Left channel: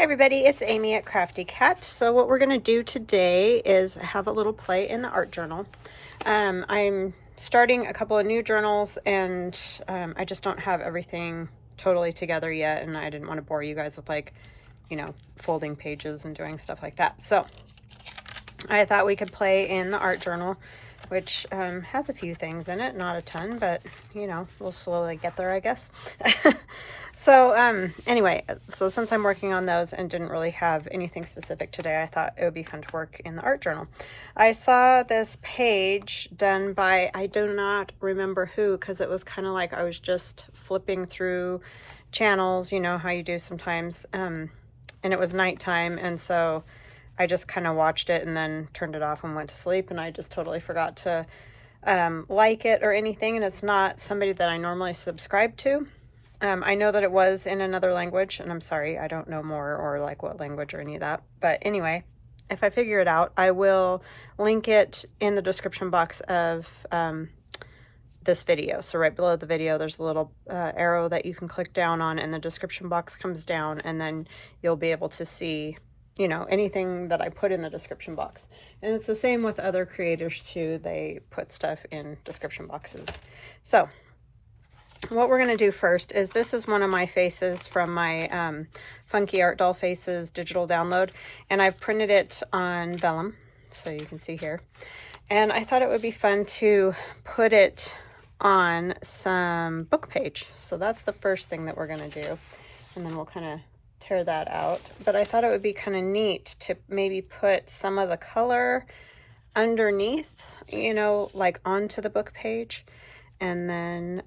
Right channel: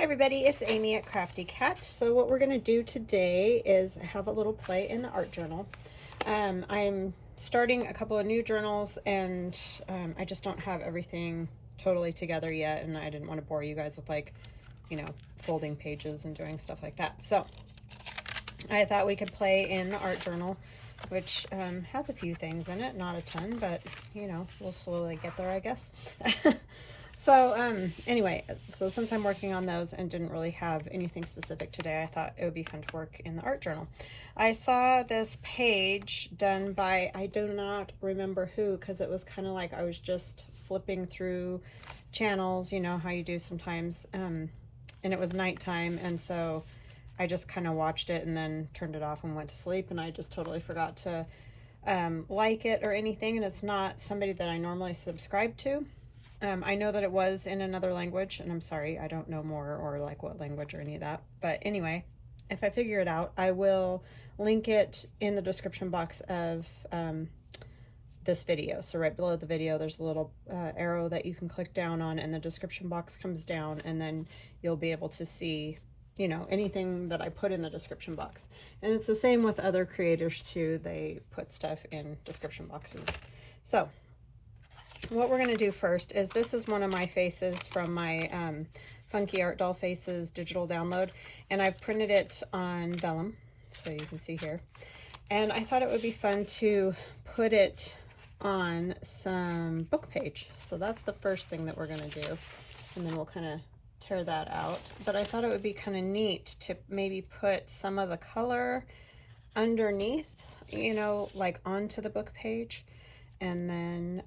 Hi everybody, it's Amy at Crafty Cat. So what we're going to do today is have a little play in the art journal. I'm starting a couple of new journals and I just don't have everything totally together yet, and I didn't want to bore you guys with folding pages and doing stuff like that. So I thought we could play in the art journal, which has a few things in it, not a ton, but we'll slowly get there, I guess. So anyway, so since I'm working on those and didn't really have anything specific today, I thought it would be fun to work in the art journal. I saw this page done by, I do not remember who, because it was kind of like I was just flipping through channels, you know how you do sometimes, and it was nighttime, and so I just kind of watched it and then turned it off and went to sleep, and I just totally forgot to like it or anything, and it's not somebody that I normally subscribe to. I know that it was in another language, and I'm sorry, I don't know more or like what language or any of that. But anyway, if I figure it out, I will link it in the description box of this video. So right below the video, there's a little arrow that you can click down on, and the description box comes down, and then you'll be able to see, you know, anything that I put in the description box. And it's the same with other creators too. They put stuff in description boxes. So what we're going to do first is, this is one of my faces from my Funky Art Doll Faces digital download, and I've printed it on vellum, so you can see here. And I thought it would be fun to put it on some book page. So that's the first thing that we're going to do, and then we'll kind of tear that out. But I thought it would be kind of neat to maybe put some of the color underneath, you know, like onto the book page, and then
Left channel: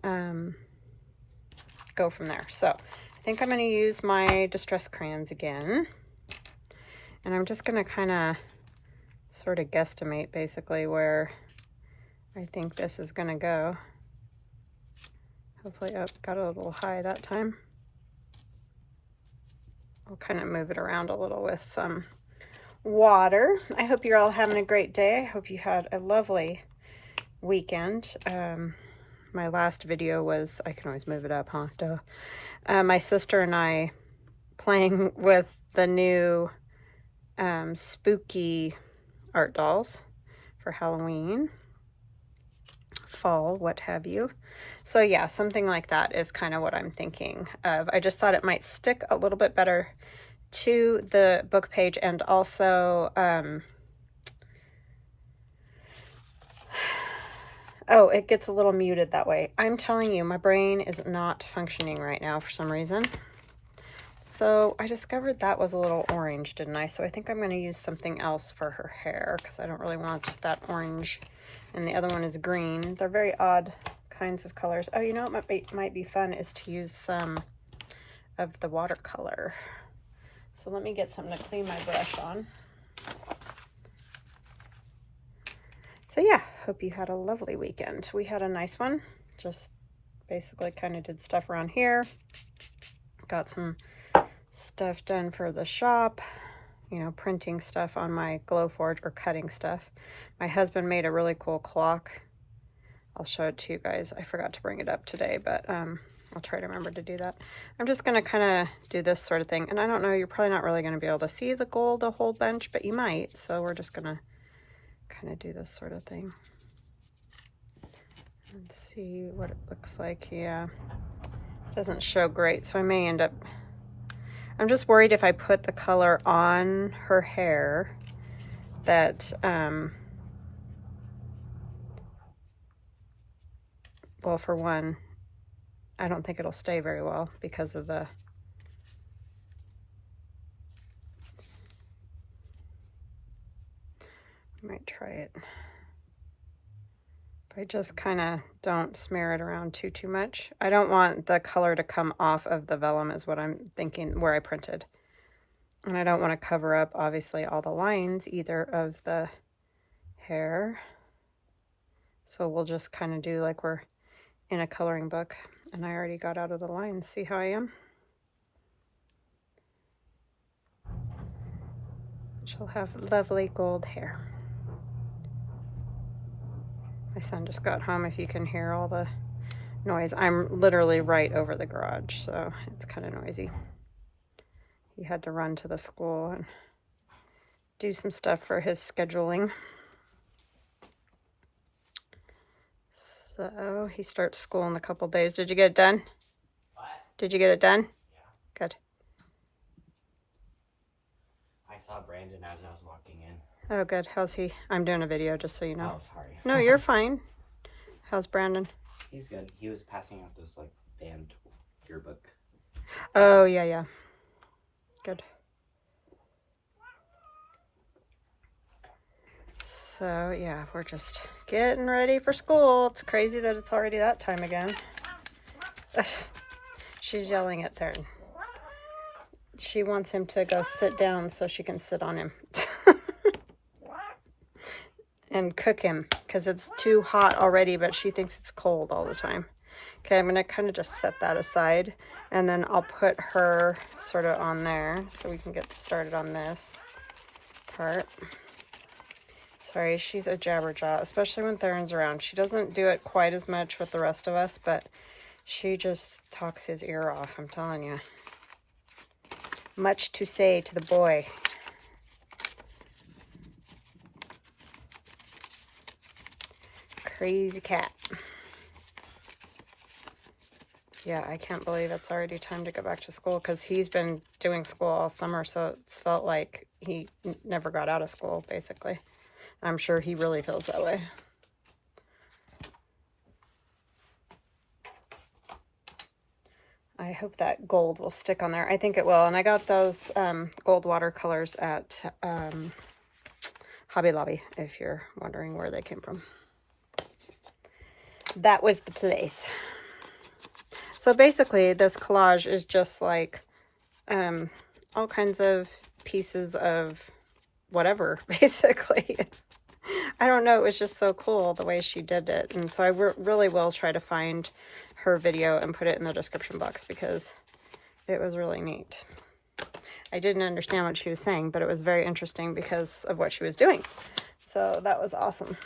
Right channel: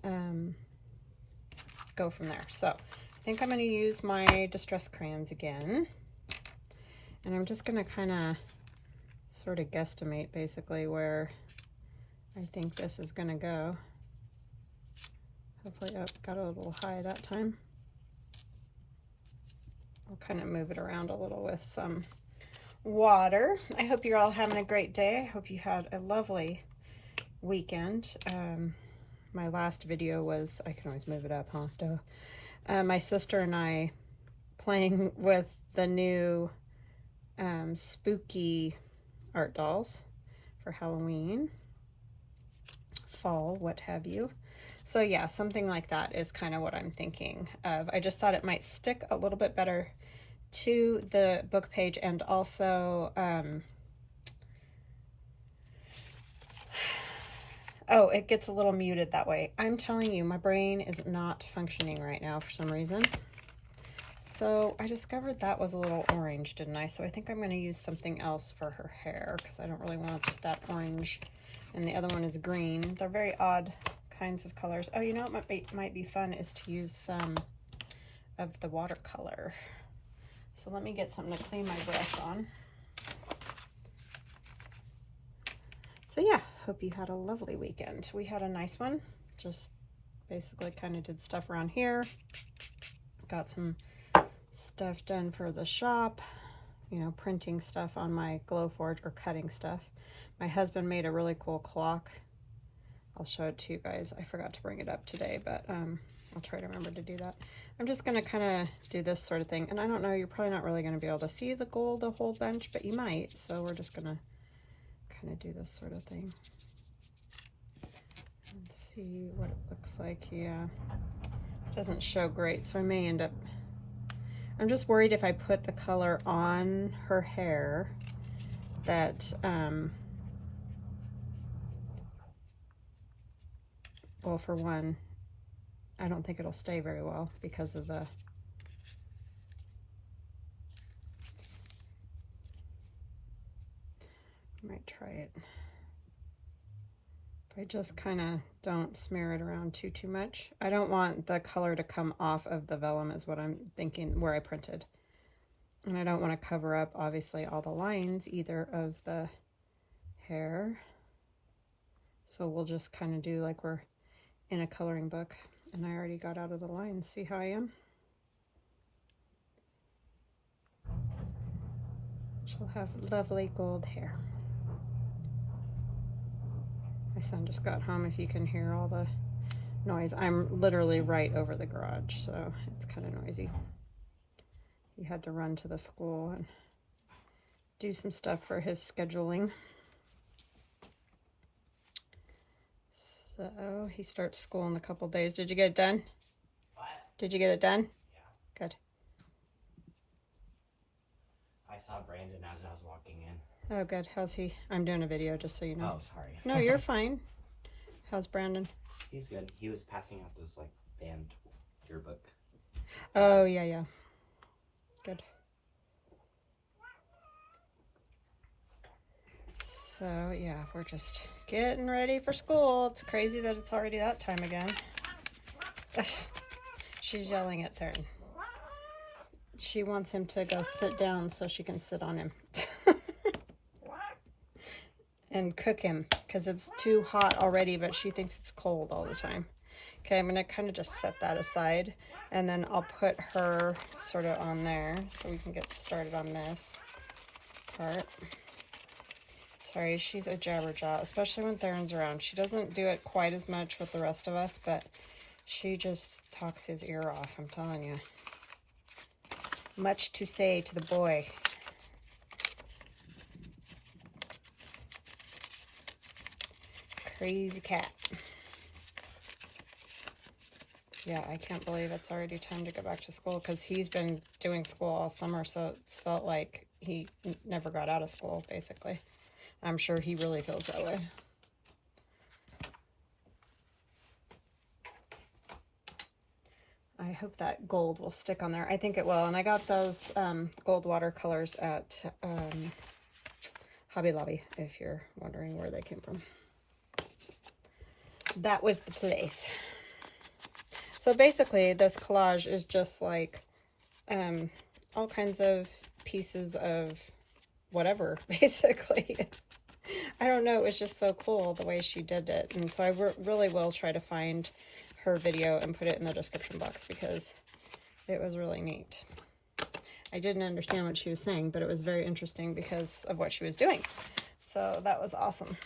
go from there. So I think I'm going to use my distress crayons again, and I'm just going to kind of sort of guesstimate basically where I think this is going to go. Hopefully, oh, got a little high that time. I'll kind of move it around a little with some water. I hope you're all having a great day. I hope you had a lovely weekend. My last video was, I can always move it up, huh? Duh. My sister and I playing with the new spooky art dolls for Halloween, fall, what have you. So yeah, something like that is kind of what I'm thinking of. I just thought it might stick a little bit better to the book page, and also oh, it gets a little muted that way. I'm telling you, my brain is not functioning right now for some reason. So I discovered that was a little orange, didn't I? So I think I'm going to use something else for her hair, because I don't really want that orange. And the other one is green. They're very odd kinds of colors. Oh, you know what might be fun is to use some of the watercolor. So let me get something to clean my brush on. So yeah, hope you had a lovely weekend. We had a nice one. Just basically kind of did stuff around here. Got some stuff done for the shop, you know, printing stuff on my Glowforge, or cutting stuff. My husband made a really cool clock. I'll show it to you guys. I forgot to bring it up today, but I'll try to remember to do that. I'm just going to kind of do this sort of thing. And I don't know, you're probably not really going to be able to see the gold a whole bunch, but you might. So we're just going to kind of do this sort of thing and see what it looks like. Yeah, doesn't show great, so I may end up, I'm just worried if I put the color on her hair that well, for one, I don't think it'll stay very well because of the might try it. If I just kind of don't smear it around too much. I don't want the color to come off of the vellum is what I'm thinking, where I printed. And I don't want to cover up, obviously, all the lines either of the hair. So we'll just kind of do like we're in a coloring book. And I already got out of the lines. See how I am? She'll have lovely gold hair. My son just got home, if you can hear all the noise. I'm literally right over the garage, so it's kind of noisy. he had to run to the school and do some stuff for his scheduling. So he starts school in a couple days. Did you get it done? What? Did you get it done? Yeah. Good. I saw Brandon as I was walking in. Oh, good. How's he? I'm doing a video, just so you know. Oh, sorry. No, you're fine. How's Brandon? He's good. He was passing out those like band yearbook. Oh, yeah, yeah. Good. So, yeah, we're just getting ready for school. It's crazy that it's already that time again. She's yelling at Theron. She wants him to go sit down so she can sit on him. And cook him, because it's too hot already, but she thinks it's cold all the time. Okay, I'm going to kind of just set that aside, and then I'll put her sort of on there so we can get started on this part. Sorry, she's a jabberjaw, especially when Theron's around. She doesn't do it quite as much with the rest of us, but she just talks his ear off, I'm telling you. Much to say to the boy. Crazy cat. Yeah, I can't believe it's already time to go back to school, because he's been doing school all summer, so it's felt like he never got out of school, basically. I'm sure he really feels that way. I hope that gold will stick on there. I think it will. And I got those gold watercolors at Hobby Lobby, if you're wondering where they came from. That was the place. So basically, this collage is just like all kinds of pieces of whatever, basically. I don't know, it was just so cool the way she did it. And so I really will try to find her video and put it in the description box, because it was really neat. I didn't understand what she was saying, but it was very interesting because of what she was doing. So that was awesome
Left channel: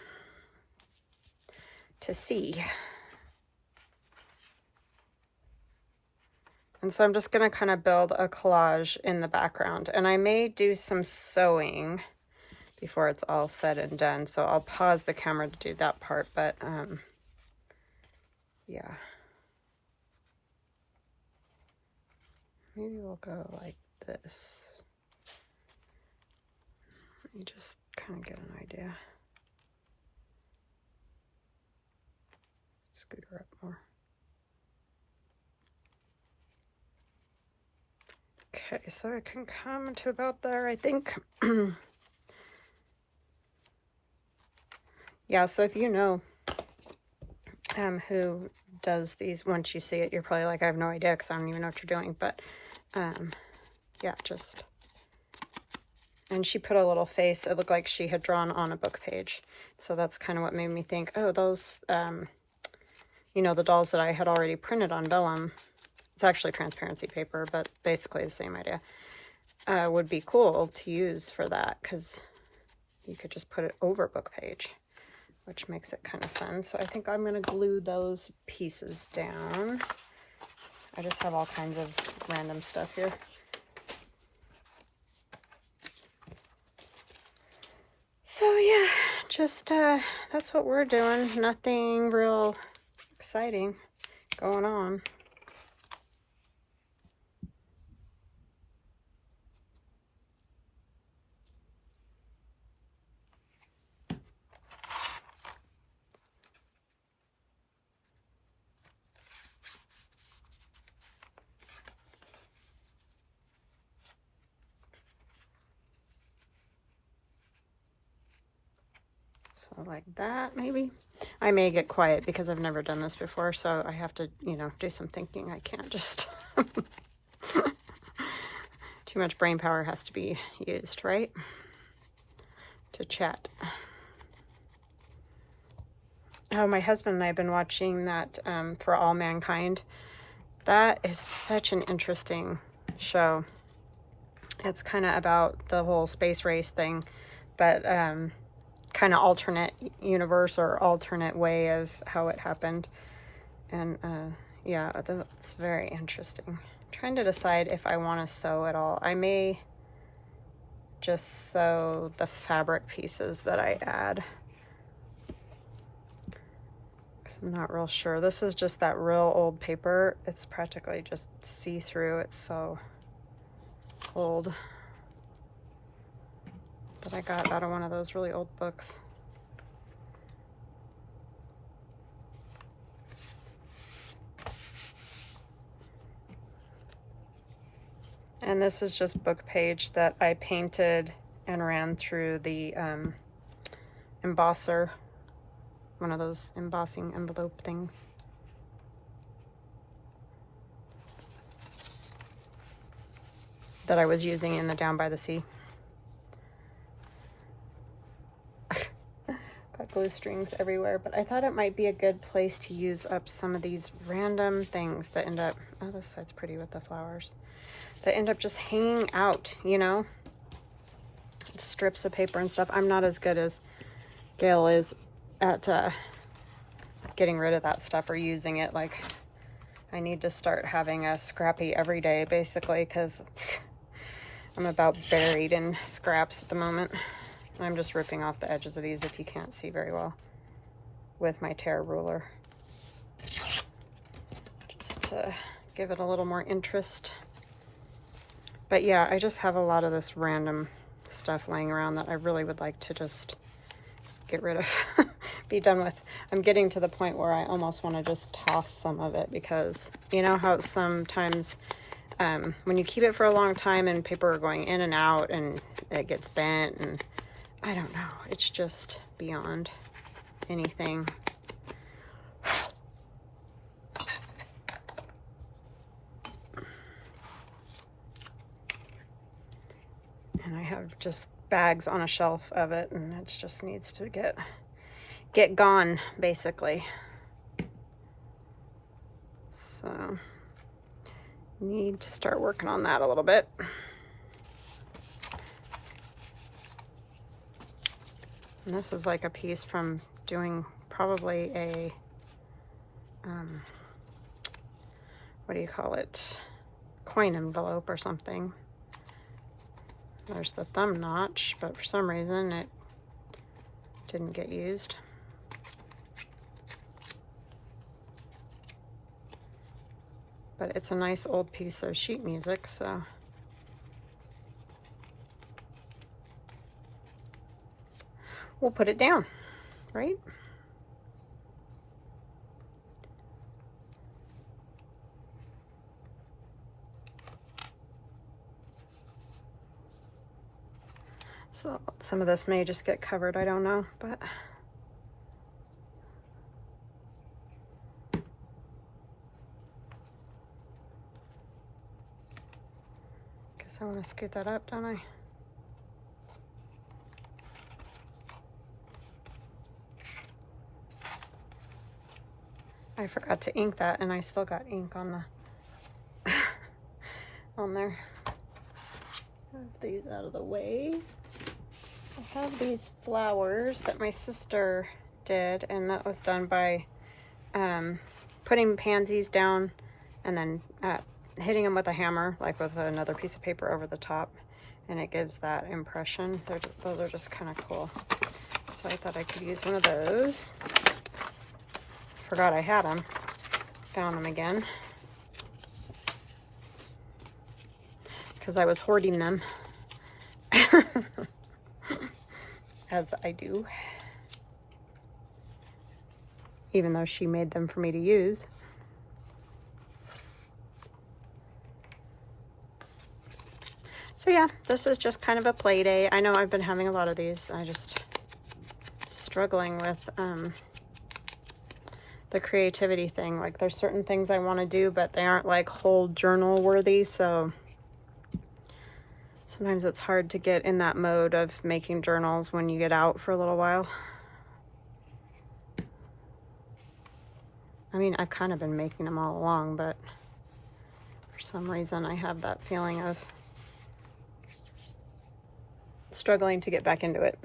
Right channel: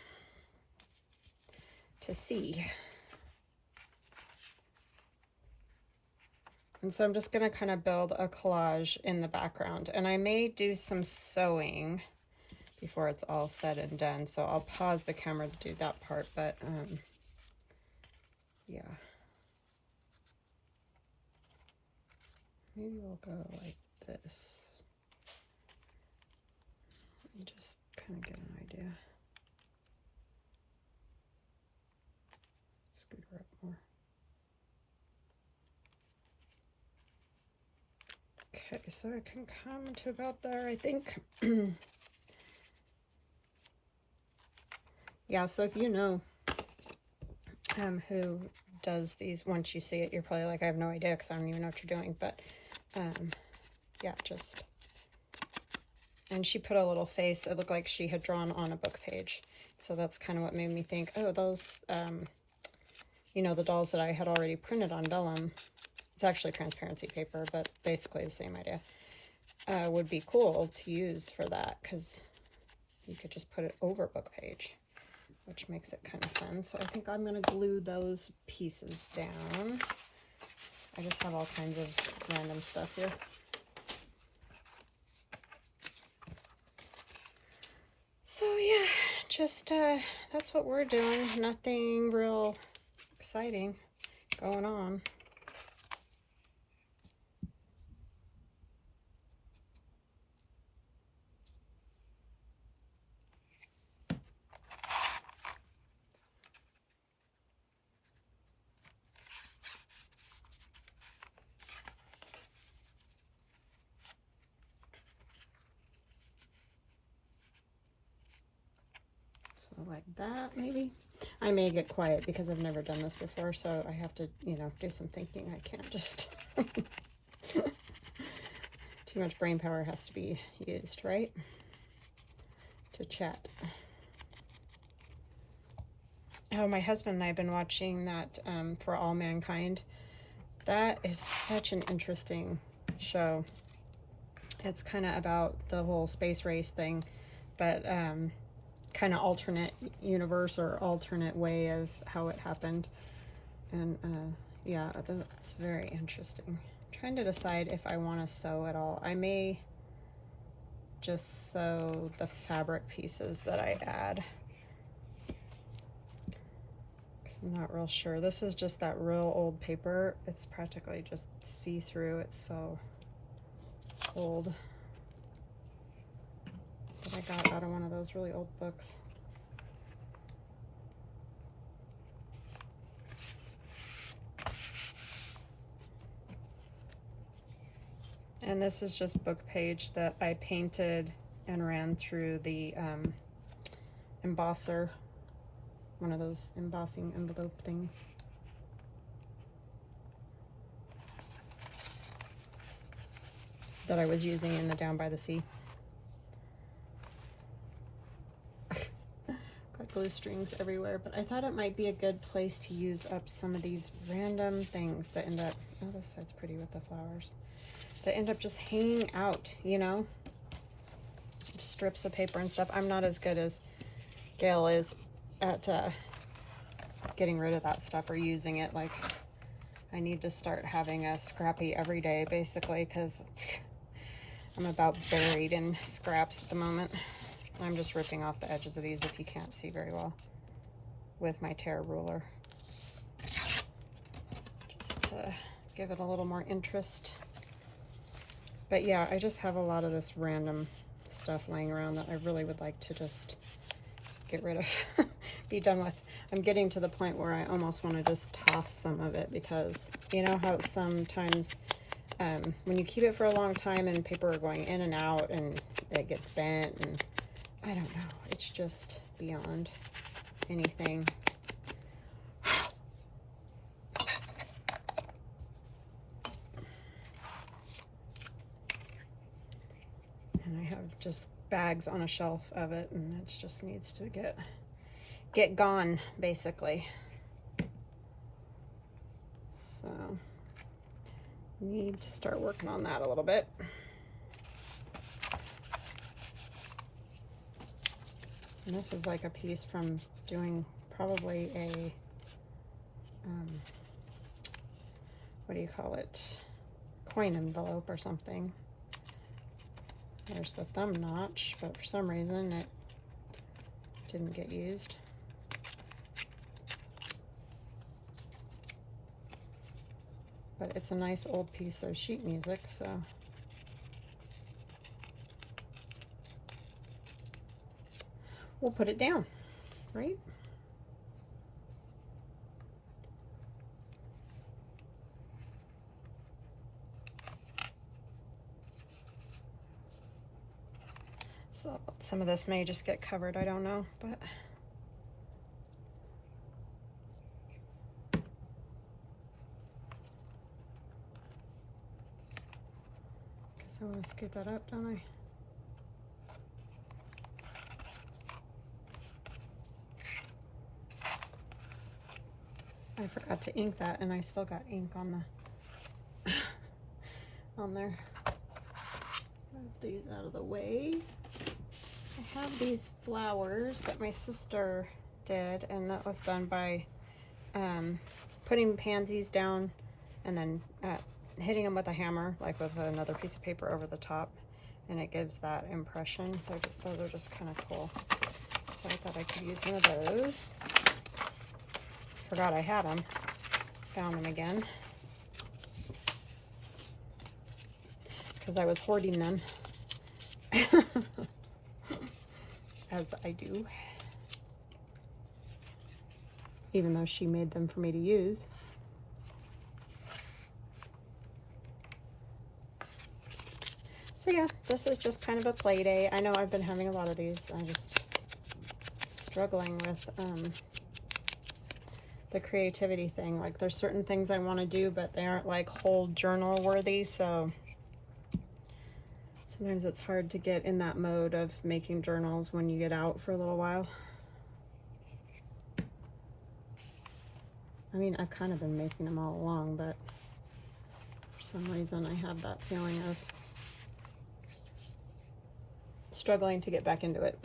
to see. And so I'm just going to kind of build a collage in the background, and I may do some sewing before it's all said and done. So I'll pause the camera to do that part, but yeah. Maybe we'll go like this. Let me just kind of get an idea. Scoot her up more. Okay, so I can come to about there, I think. Yeah, so if you know who does these, once you see it, you're probably like, I have no idea, because I don't even know what you're doing. But yeah, just, and she put a little face. It looked like she had drawn on a book page. So that's kind of what made me think, oh, those, you know, the dolls that I had already printed on vellum, it's actually transparency paper, but basically the same idea, would be cool to use for that, because you could just put it over book page, which makes it kind of fun. So I think I'm going to glue those pieces down. I just have all kinds of random stuff here. So yeah, just that's what we're doing. Nothing real exciting going on. So like that, maybe. I may get quiet because I've never done this before, so I have to, you know, do some thinking. I can't just... Too much brain power has to be used, right? To chat. Oh, my husband and I have been watching that For All Mankind. That is such an interesting show. It's kind of about the whole space race thing, but kind of alternate universe or alternate way of how it happened. And yeah, it's very interesting. I'm trying to decide if I want to sew at all. I may just sew the fabric pieces that I add. I'm not real sure. This is just that real old paper. It's practically just see-through. It's so old. That I got out of one of those really old books. And this is just book page that I painted and ran through the embosser. One of those embossing envelope things. That I was using in the Down by the Sea. Got glue strings everywhere, but I thought it might be a good place to use up some of these random things that end up, oh, this side's pretty with the flowers, that end up just hanging out, you know? Strips of paper and stuff. I'm not as good as Gail is at getting rid of that stuff or using it. Like, I need to start having a scrappy every day, basically, because I'm about buried in scraps at the moment. I'm just ripping off the edges of these, if you can't see very well, with my tear ruler, just to give it a little more interest. But yeah, I just have a lot of this random stuff laying around that I really would like to just get rid of, be done with. I'm getting to the point where I almost want to just toss some of it, because you know how sometimes when you keep it for a long time and paper are going in and out and it gets bent, and I don't know, it's just beyond anything. And I have just bags on a shelf of it, and it just needs to get gone, basically. So need to start working on that a little bit. And this is like a piece from doing probably a what do you call it, coin envelope or something. There's the thumb notch, but for some reason it didn't get used. But it's a nice old piece of sheet music, so we'll put it down, right? So some of this may just get covered, I don't know, but guess I want to scoot that up, don't I? I forgot to ink that, and I still got ink on the on there. Move these out of the way. I have these flowers that my sister did, and that was done by putting pansies down and then hitting them with a hammer, like with another piece of paper over the top, and it gives that impression. Those are just kind of cool. So I thought I could use one of those. Forgot I had them. Found them again. Because I was hoarding them. As I do. Even though she made them for me to use. So yeah, this is just kind of a play day. I know I've been having a lot of these. I just struggling with the creativity thing. Like, there's certain things I want to do, but they aren't like whole journal worthy, so sometimes it's hard to get in that mode of making journals when you get out for a little while. I mean, I've kind of been making them all along, but for some reason I have that feeling of struggling to get back into it.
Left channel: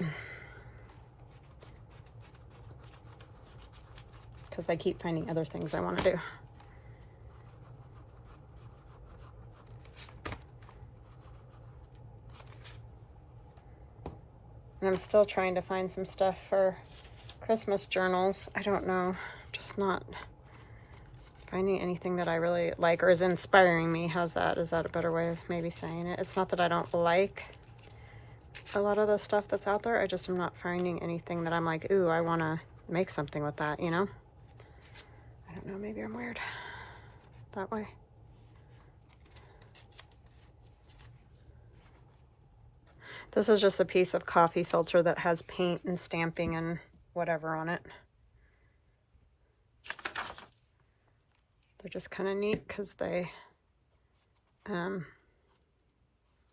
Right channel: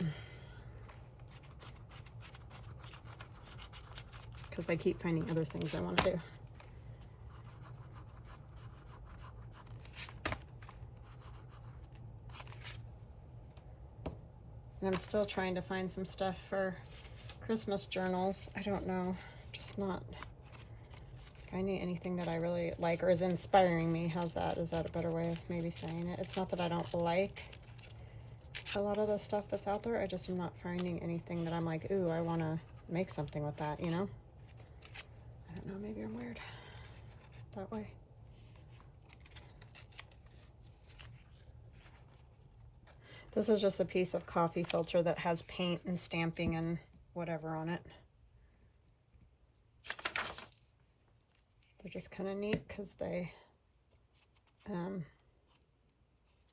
Because I keep finding other things I want to do. And I'm still trying to find some stuff for Christmas journals. I don't know, just not finding anything that I really like or is inspiring me. How's that? Is that a better way of maybe saying it? It's not that I don't like a lot of the stuff that's out there. I just am not finding anything that I'm like, ooh, I want to make something with that, you know? I don't know, maybe I'm weird that way. This is just a piece of coffee filter that has paint and stamping and whatever on it. They're just kind of neat because they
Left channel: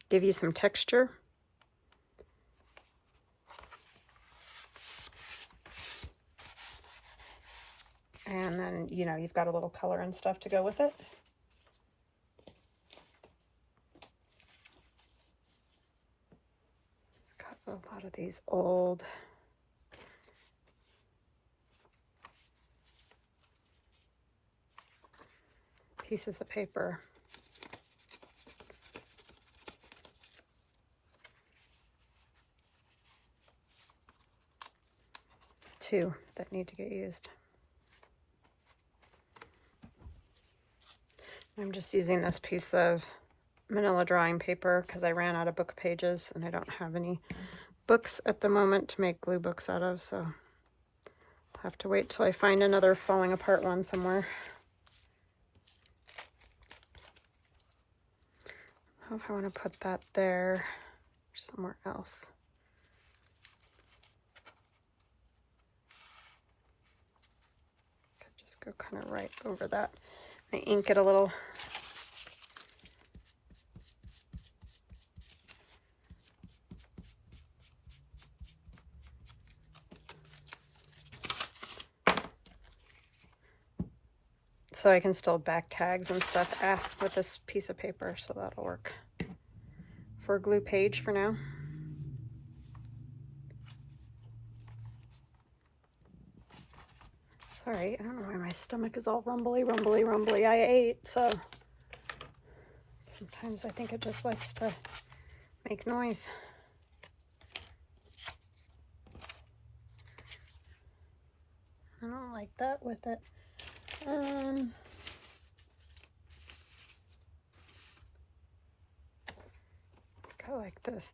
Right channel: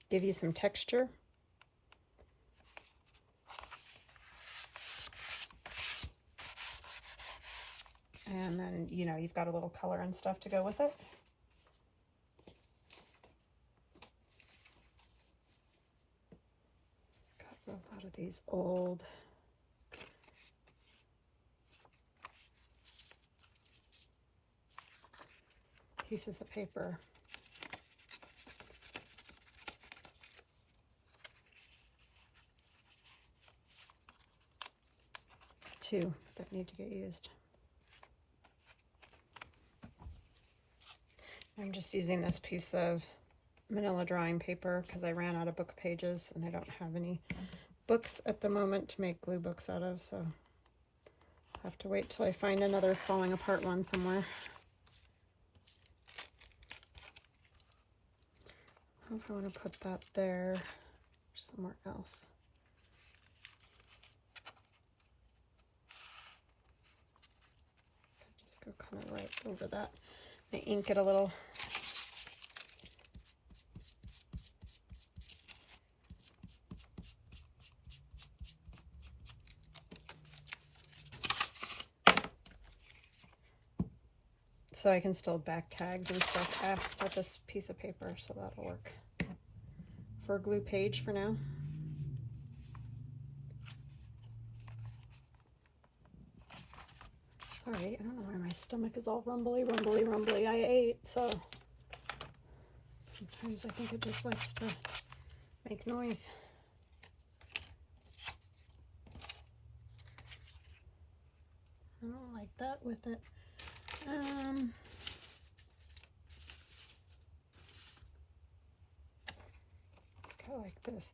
give you some texture. And then, you know, you've got a little color and stuff to go with it. Got a lot of these old pieces of paper. Two that need to get used. I'm just using this piece of manila drawing paper because I ran out of book pages and I don't have any books at the moment to make glue books out of, so I'll have to wait till I find another falling apart one somewhere. I don't know if I want to put that there or somewhere else. Could just go kind of right over that. I ink it a little. So I can still back tags and stuff with this piece of paper, so that'll work for a glue page for now. Sorry, I don't know why my stomach is all rumbly. I ate, so sometimes I think it just likes to make noise. I don't like that with it. Go like this.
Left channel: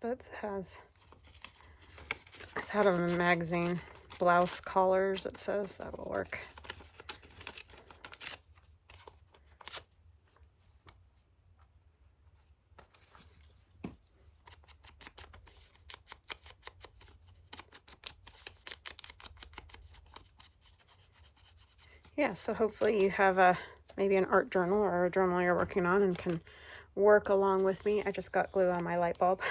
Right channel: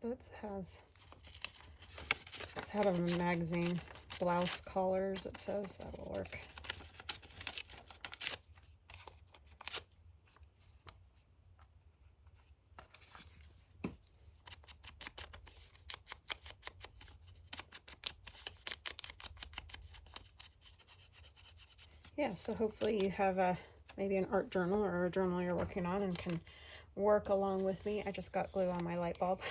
It's out of a magazine. Blouse collars, it says. That will work. Yeah, so hopefully you have maybe an art journal or a journal you're working on and can work along with me. I just got glue on my light bulb.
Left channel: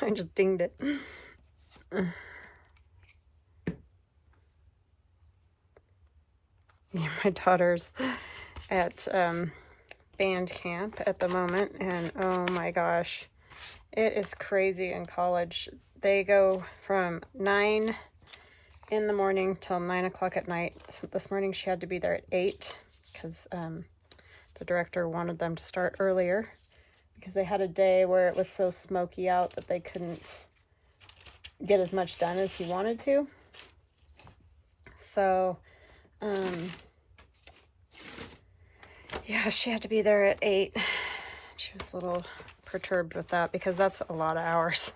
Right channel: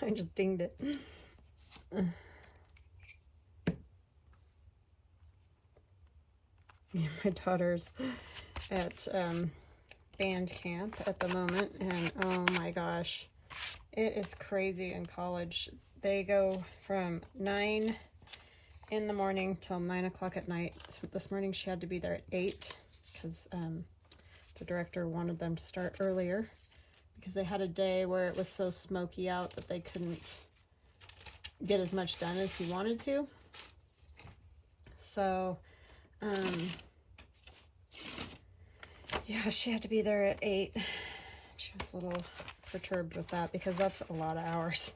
I just dinged it. Yeah, my daughter's at band camp at the moment, and oh my gosh, it is crazy in college. They go from 9 in the morning till 9 o'clock at night. So this morning she had to be there at 8 because the director wanted them to start earlier because they had a day where it was so smoky out that they couldn't get as much done as he wanted to. So yeah, she had to be there at 8. She was a little perturbed with that because that's a lot of hours.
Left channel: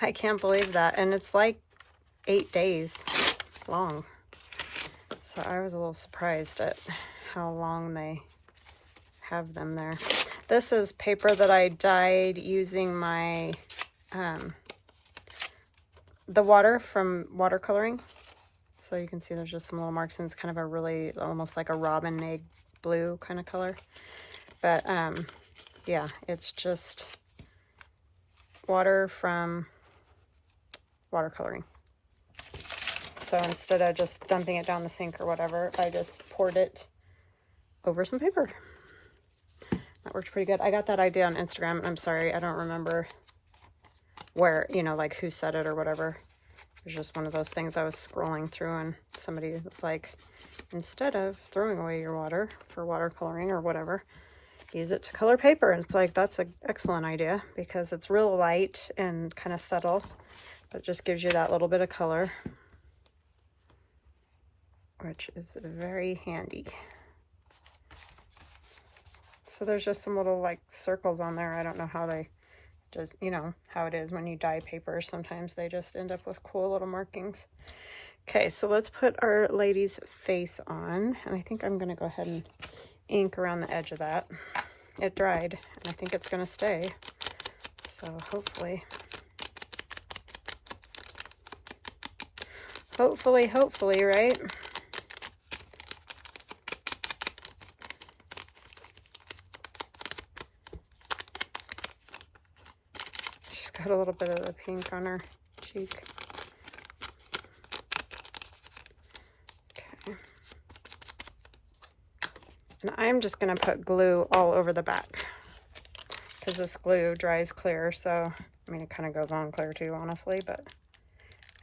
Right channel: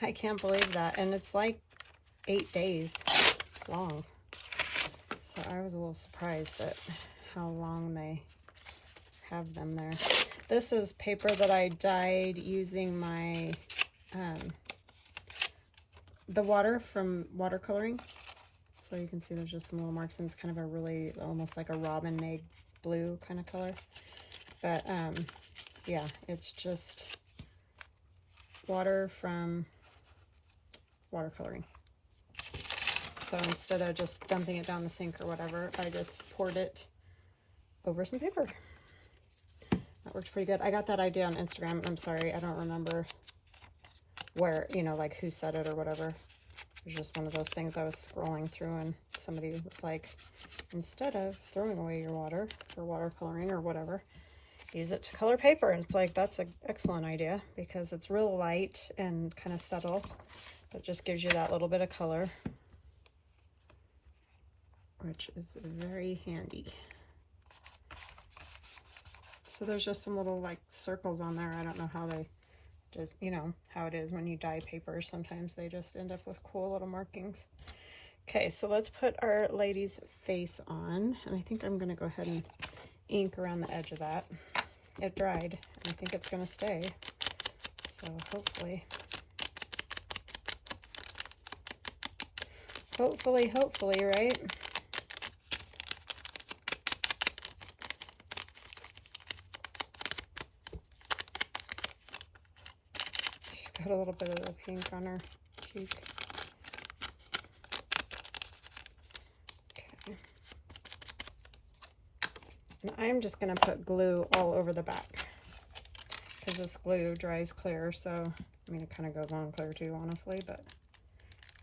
I can't believe that. And it's like 8 days long. So I was a little surprised at how long they have them there. This is paper that I dyed using my the water from watercoloring. So you can see there's just some little marks, and it's kind of a really almost like a robin egg blue kind of color. But yeah, it's just water from watercoloring. So instead of just dumping it down the sink or whatever, I just poured it over some paper. That worked pretty good. I got that idea on Instagram. I'm sorry, I don't remember where, you know, like who said it or whatever. It was just one of those things I was scrolling through, and somebody was like, instead of throwing away your water for watercoloring or whatever, use it to color paper. And it's like, that's an excellent idea because it's real light and kind of subtle. It just gives you that little bit of color, which is very handy. So there's just some little like circles on there. I don't know how they just, you know, how it is when you dye paper. Sometimes they just end up with cool little markings. Okay, so let's put our lady's face on. And I think I'm going to go ahead and ink around the edge of that. It dried, and I think it's going to stay. So hopefully, right? She's got a little bit of the pink on her cheek. Okay. And I'm just going to put glue all over the back because this glue dries clear. So, I mean, it kind of goes on clear too, honestly, but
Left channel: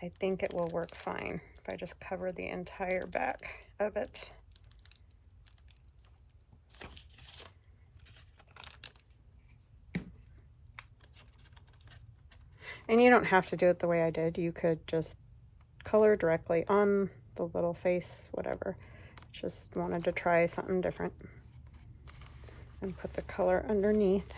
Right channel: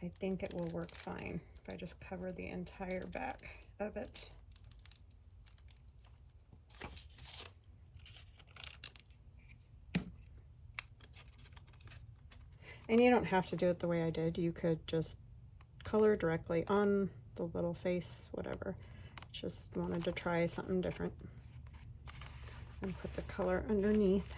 I think it will work fine if I just cover the entire back of it. And you don't have to do it the way I did. You could just color directly on the little face, whatever. Just wanted to try something different and put the color underneath.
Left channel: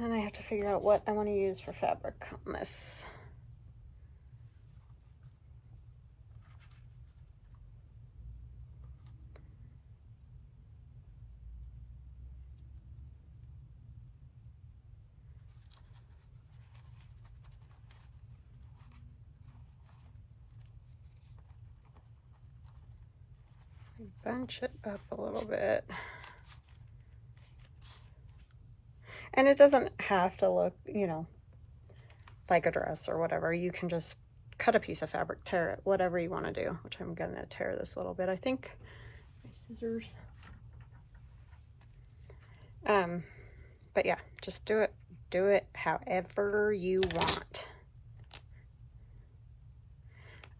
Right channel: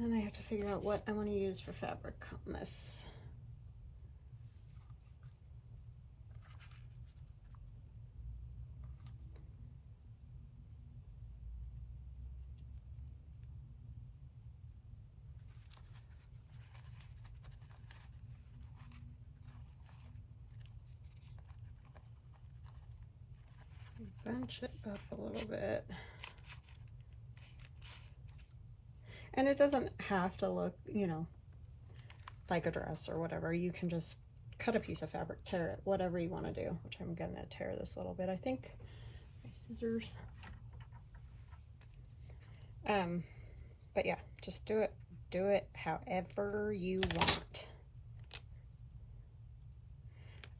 Then I have to figure out what I want to use for fabric on this. Bunch it up a little bit. And it doesn't have to look, you know, like a dress or whatever. You can just cut a piece of fabric, tear it, whatever you want to do, which I'm going to tear this a little bit. I think my scissors. But yeah, just do it however you want.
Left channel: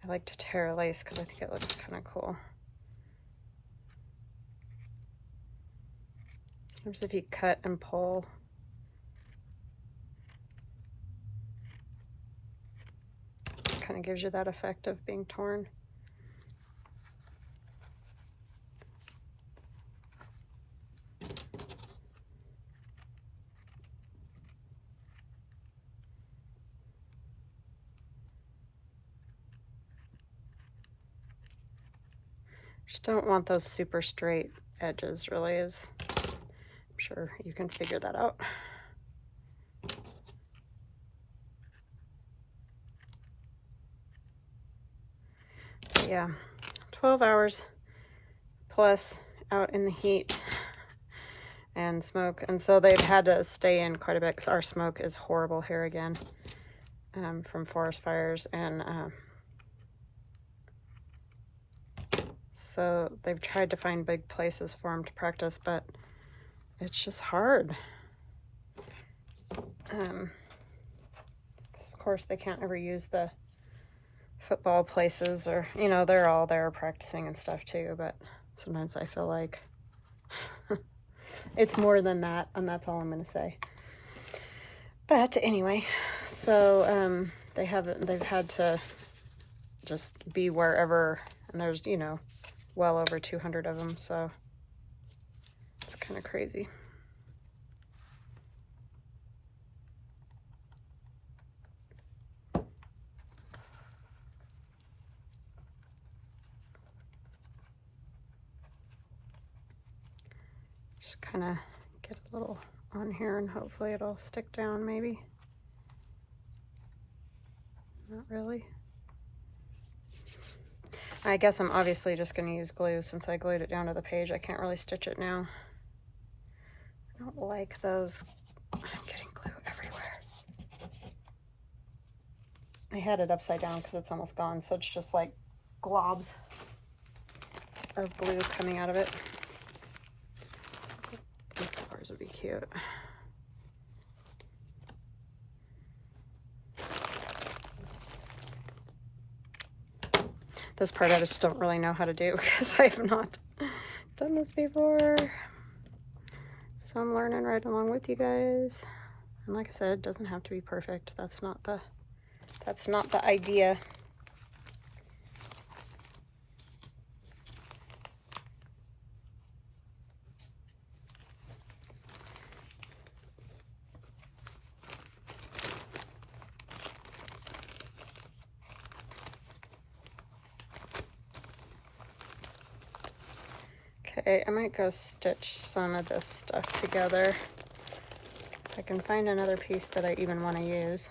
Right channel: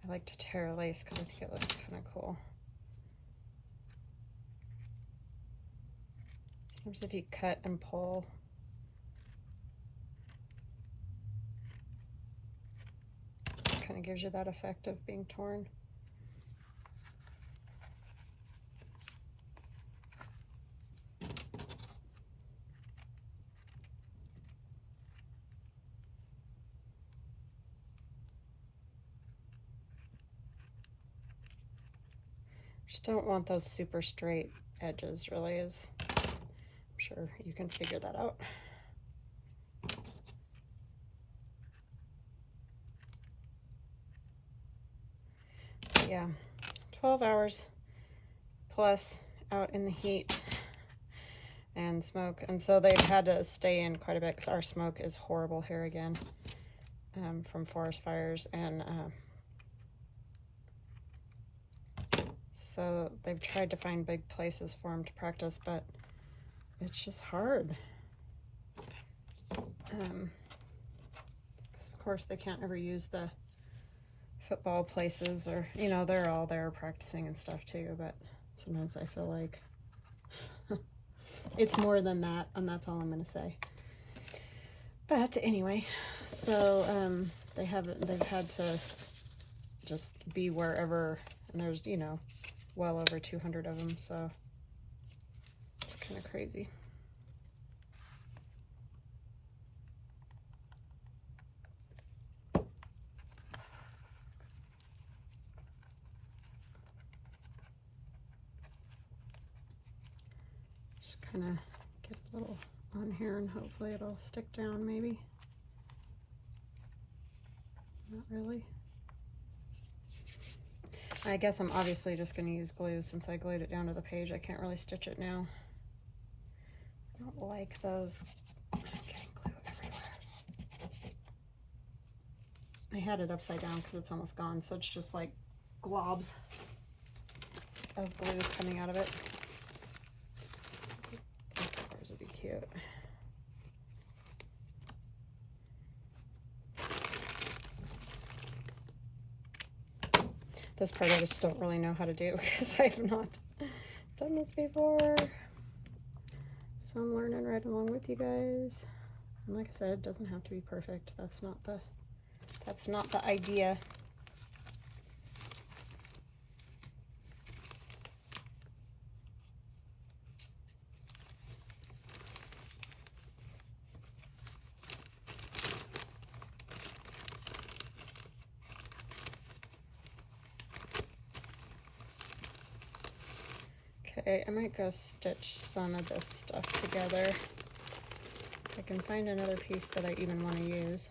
I like to tear lace because I think it looks kind of cool. Sometimes if you cut and pull, it kind of gives you that effect of being torn. Just don't want those super straight edges, really, is. I'm sure you can figure that out. But yeah, 12 hours plus out in the heat and smoke, and so they've had to stay in quite a bit because our smoke is horrible here again, from forest fires, and so they've tried to find big places for them to practice, but it's just hard. Because of course they can't ever use the football places, or, you know, they're all there practicing and stuff too, but sometimes I feel like it's more than that, and that's all I'm going to say. But anyway, so they've had to just be wherever, and there's, you know, well over 200 of them, so it's kind of crazy. Just kind of get a little on here and hopefully it'll stick down, maybe. Not really. I guess I'm obviously just going to use glue since I glued it down to the page. I can't really stitch it now. I don't like those. I'm getting glue everywhere. I had it upside down because it's almost gone, so it's just like globs of glue coming out of it. These flowers would be cute. This part I just don't really know how to do because I've not done this before. So I'm learning right along with you guys. And like I said, it doesn't have to be perfect. That's not the idea. Okay, I might go stitch some of this stuff together. If I can find another piece that I even want to use.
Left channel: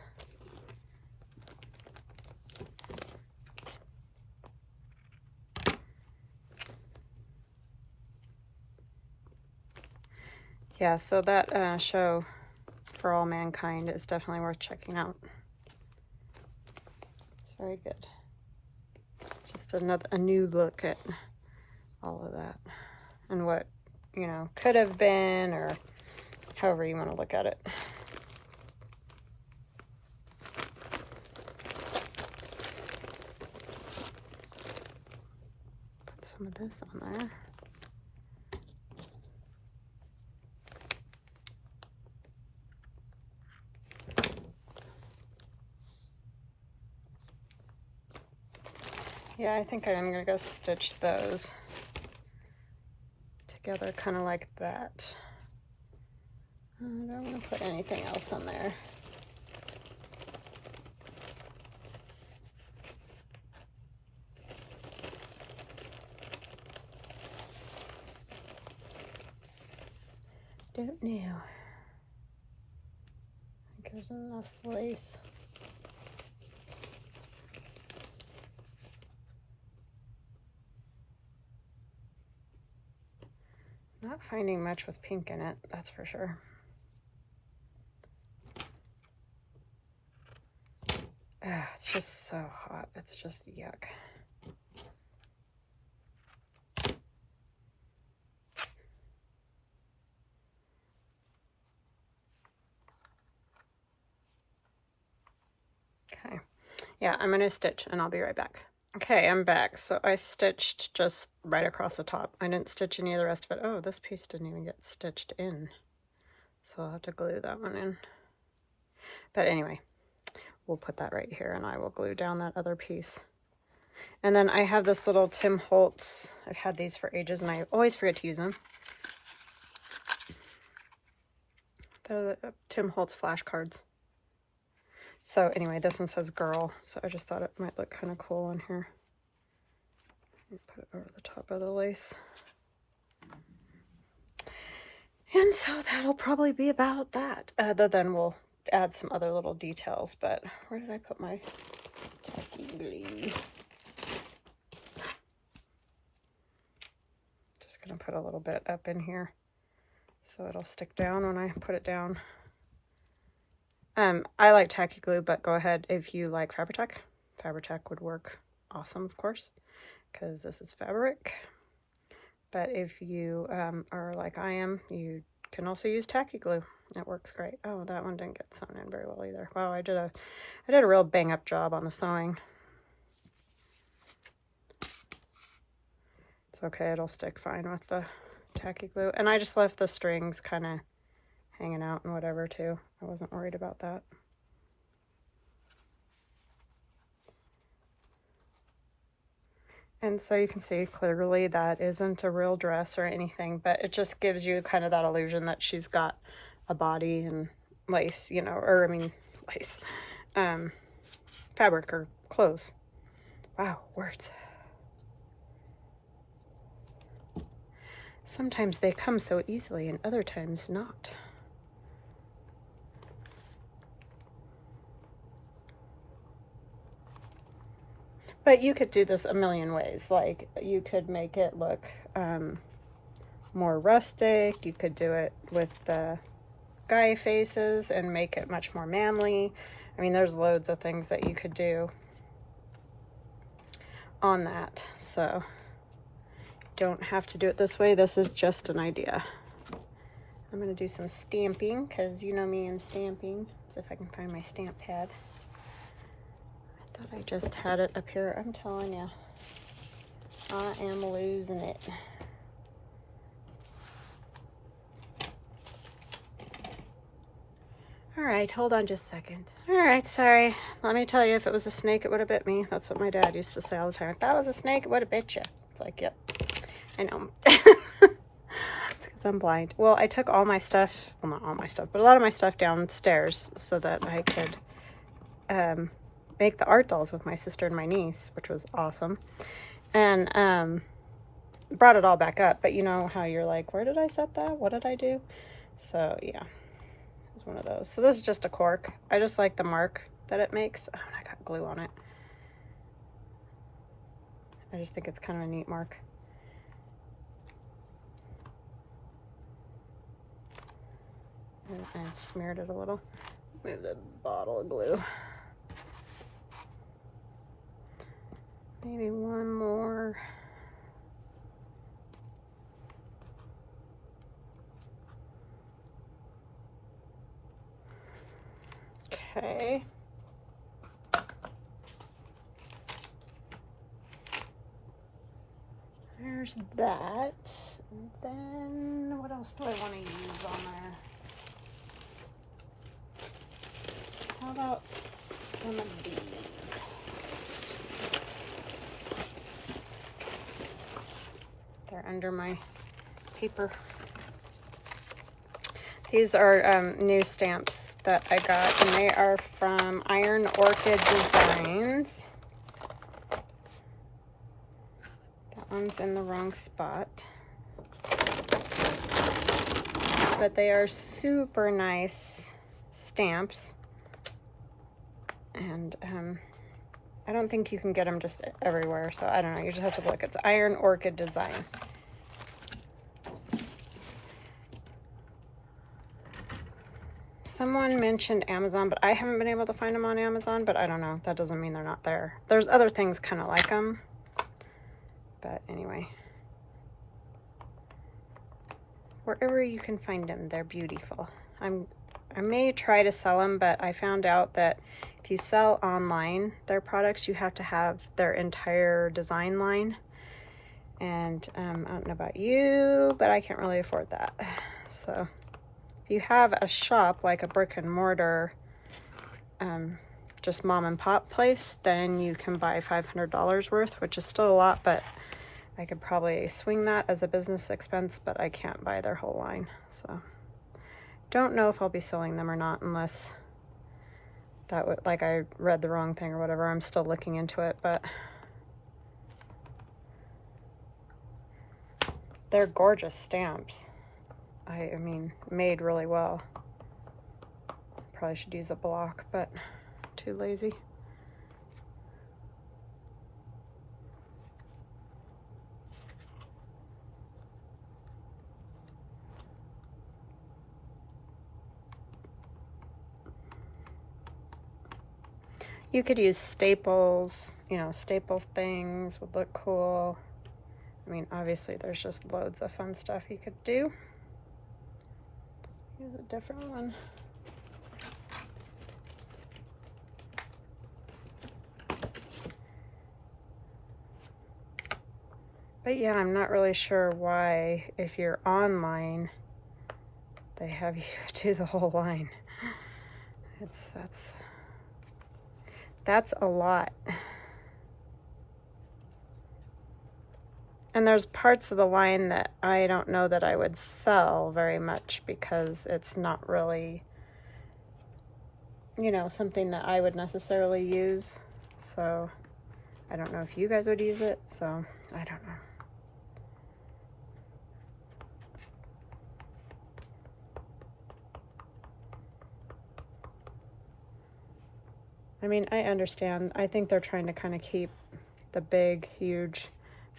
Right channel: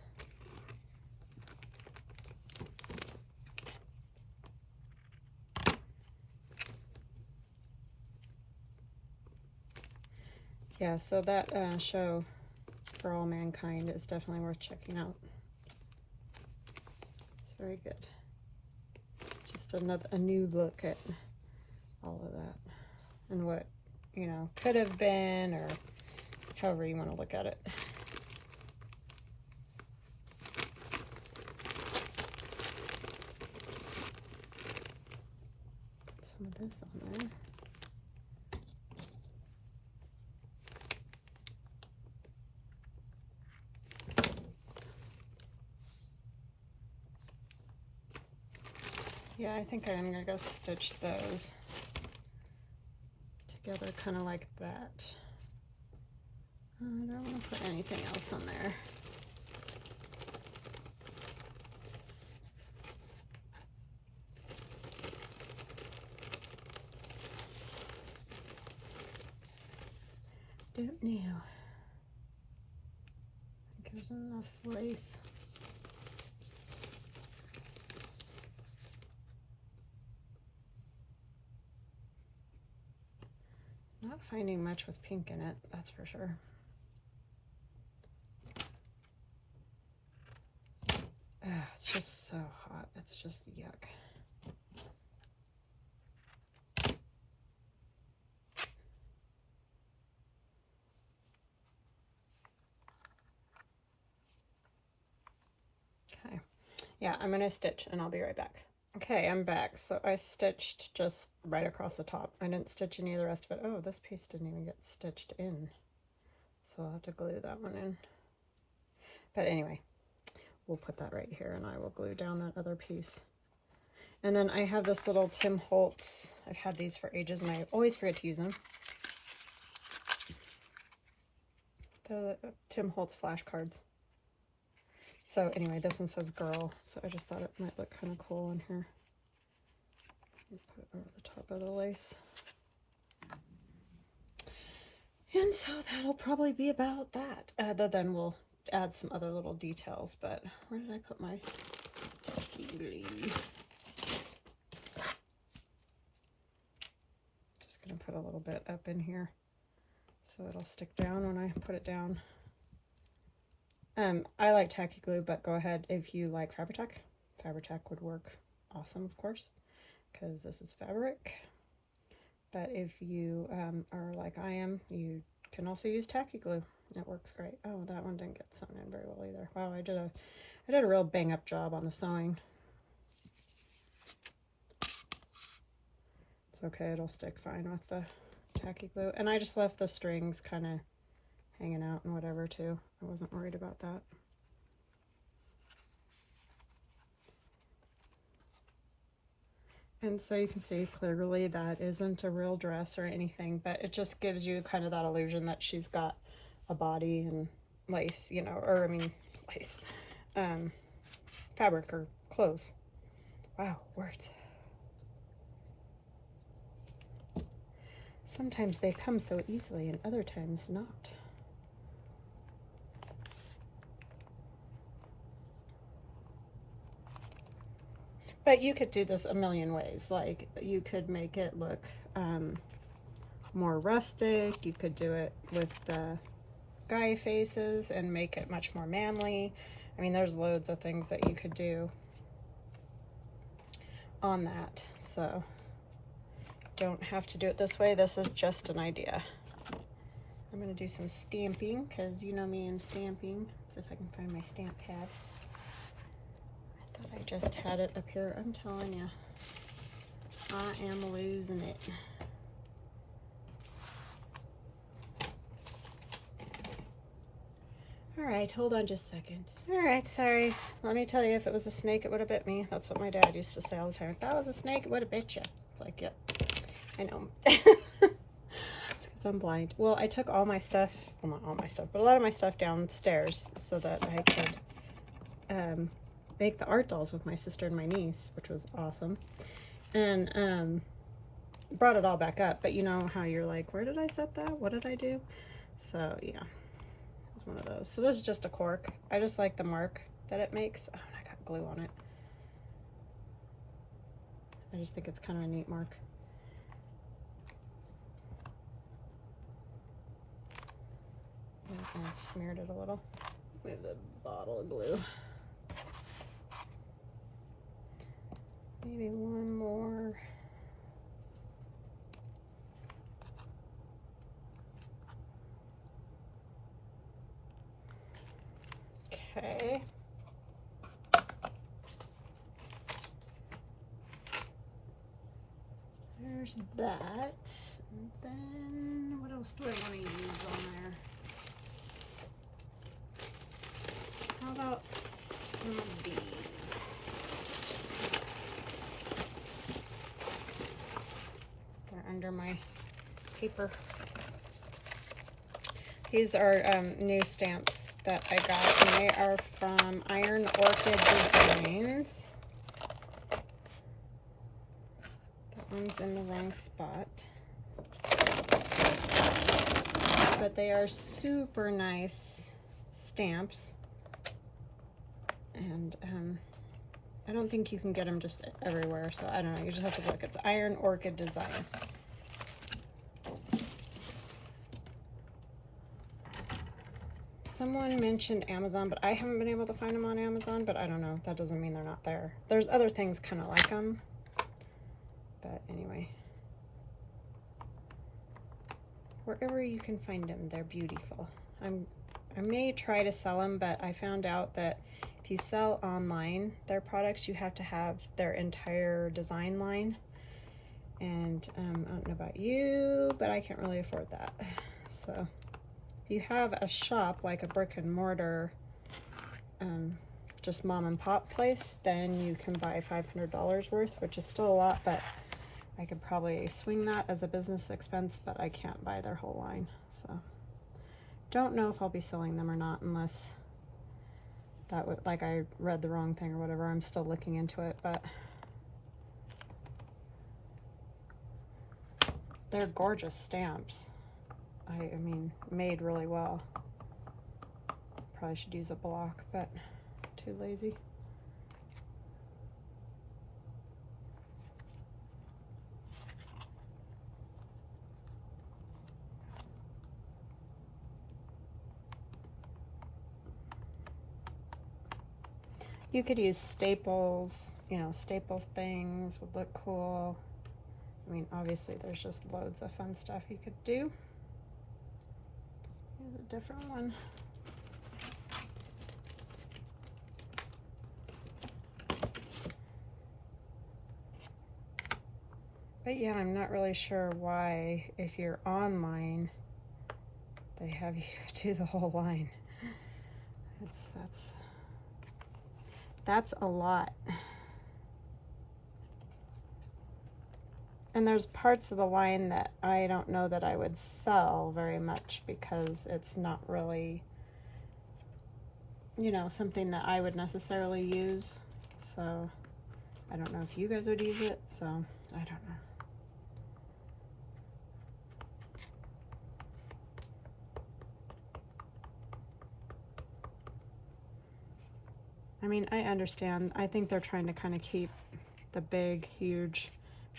Yeah, so that show For All Mankind is definitely worth checking out. It's very good. Just a new look at all of that and what, you know, could have been, or however you want to look at it. Put some of this on there. Yeah, I think I'm gonna go stitch those together kind of like that. I don't want to put anything else on there. Don't know. I think there's enough lace. Not finding much with pink in it, that's for sure. It's just so hot. It's just yuck. Okay. Yeah, I'm going to stitch and I'll be right back. Okay, I'm back. So I stitched just right across the top. I didn't stitch any of the rest of it. Oh, this piece didn't even get stitched in. So I'll have to glue that one in. But anyway, we'll put that right here and I will glue down that other piece. And then I have this little Tim Holtz. I've had these for ages and I always forget to use them. They're the Tim Holtz flashcards. So anyway, this one says girl, so I just thought it might look kind of cool in here. Put it over the top of the lace. And so that'll probably be about that. Other than we'll add some other little details, but where did I put my tacky glue? Just gonna put a little bit up in here so it'll stick down when I put it down. I like tacky glue, but go ahead if you like Fabri-Tac. Fabri-Tac would work awesome, of course, because this is fabric. But if you are like I am, you can also use tacky glue. It works great. Oh, that one didn't get sewn in very well either. Wow, I did a real bang up job on the sewing. It's okay, it'll stick fine with the tacky glue. And I just left the strings kind of hanging out and whatever too. I wasn't worried about that. And so you can see clearly that isn't a real dress or anything, but it just gives you kind of that illusion that she's got a body and lace, you know, or I mean lace, fabric or clothes. Wow, words. Sometimes they come so easily and other times not. But you could do this a million ways. Like you could make it look more rustic. You could do it with the guy faces and make it much more manly. I mean, there's loads of things that you could do on that. So don't have to do it this way. This is just an idea. I'm going to do some stamping because you know me and stamping. So if I can find my stamp pad. I thought I just had it up here. I'm telling you, I am losing it. All right, hold on just a second. All right, sorry. Let me tell you, if it was a snake, it would have bit me. That's what my dad used to say all the time. If that was a snake, it would have bit you. It's like, yep, I know. It's because I'm blind. Well, I took all my stuff, well, not all my stuff, but a lot of my stuff downstairs so that I could make the art dolls with my sister and my niece, which was awesome. And brought it all back up. But you know how you're like, where did I set that? What did I do? So, yeah. One of those. So this is just a cork. I just like the mark that it makes. Oh, I got glue on it. I just think it's kind of a neat mark. And I smeared it a little. Move the bottle of glue. Maybe one more. Okay. There's that. And then what else do I want to use on there? How about some of these? They're under my paper. These are new stamps that I got, and they are from Iron Orchid Designs. That one's in the wrong spot. But they are super nice stamps. And I don't think you can get them just everywhere, so I don't know. You just have to look. It's Iron Orchid Design. Someone mentioned Amazon, but I haven't been able to find them on Amazon, but I don't know. That doesn't mean they're not there. There's other things kind of like them. But anyway. Wherever you can find them, they're beautiful. I may try to sell them, but I found out that if you sell online their products, you have to have their entire design line. And I don't know about you, but I can't really afford that. So if you have a shop like a brick and mortar, just mom and pop place, then you can buy $500 worth, which is still a lot, but I could probably swing that as a business expense, but I can't buy their whole line. So don't know if I'll be selling them or not, unless that would, like, I read the wrong thing or whatever. I'm still looking into it, but they're gorgeous stamps. I mean, made really well. Probably should use a block, but too lazy. You could use staples, you know, staple things would look cool. I mean, obviously there's just loads of fun stuff you could do. Here's a different one. But yeah, I'm not really sure why, if you're online, they have you do the whole line. That's a lot. And there's parts of the line that I don't know that I would sell very much, because it's not really, you know, something that I would necessarily use. So I don't know if you guys would use it, so I don't know. I mean, I understand. I think they're trying to kind of keep the big, huge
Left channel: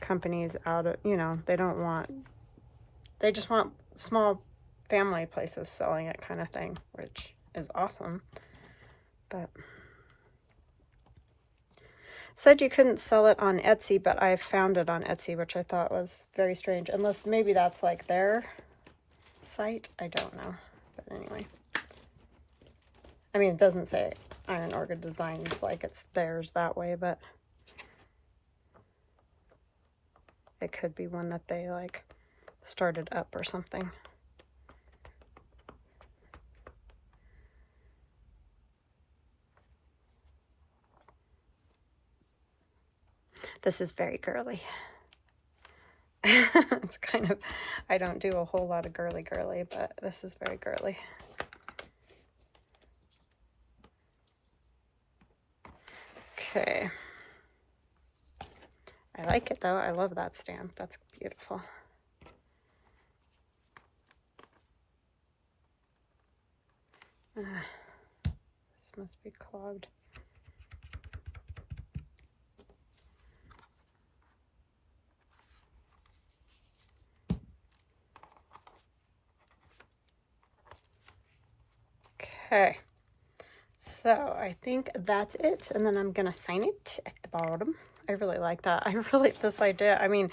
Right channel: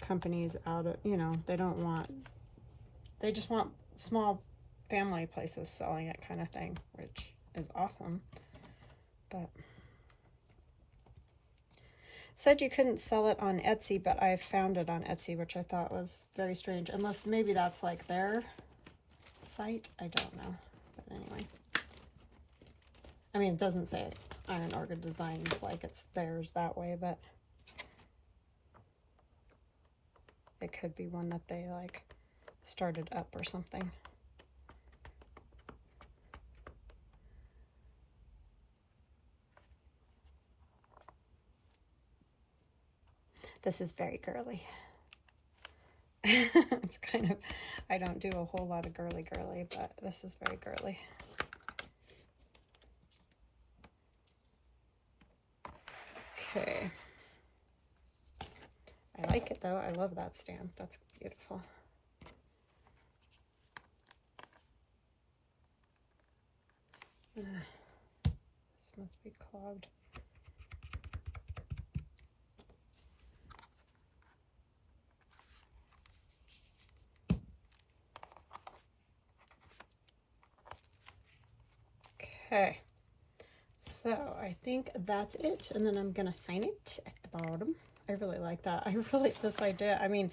companies out of, you know, they just want small family places selling it, kind of thing, which is awesome. But said you couldn't sell it on Etsy, but I found it on Etsy, which I thought was very strange. Unless maybe that's like their site. I don't know. But anyway. I mean, it doesn't say Iron Orchid Designs like it's theirs that way, but it could be one that they like started up or something. This is very girly. It's kind of, I don't do a whole lot of girly, but this is very girly. Okay. I like it though. I love that stamp. That's beautiful. This must be clogged. Okay, so I think that's it, and then I'm gonna sign it at the bottom. I really like that. I really this idea. I mean,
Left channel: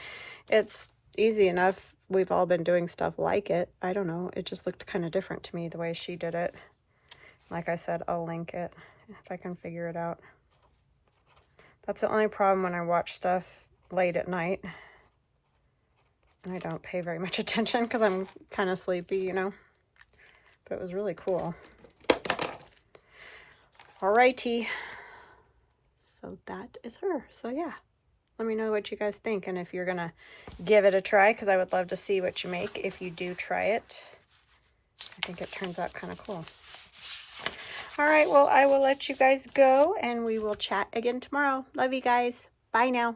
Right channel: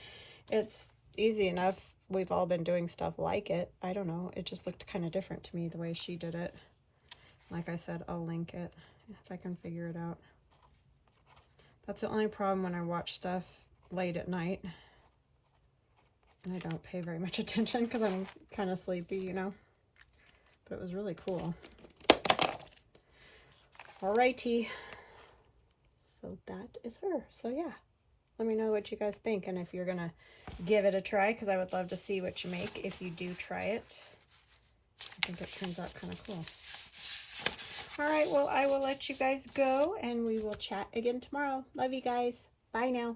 it's easy enough. We've all been doing stuff like it. I don't know. It just looked kind of different to me the way she did it. Like I said, I'll link it if I can figure it out. That's the only problem when I watch stuff late at night. And I don't pay very much attention because I'm kind of sleepy, you know. But it was really cool. Alrighty. So that is her. So yeah. Let me know what you guys think and if you're going to give it a try, because I would love to see what you make if you do try it. I think it turns out kind of cool. All right, well, I will let you guys go and we will chat again tomorrow. Love you guys. Bye now.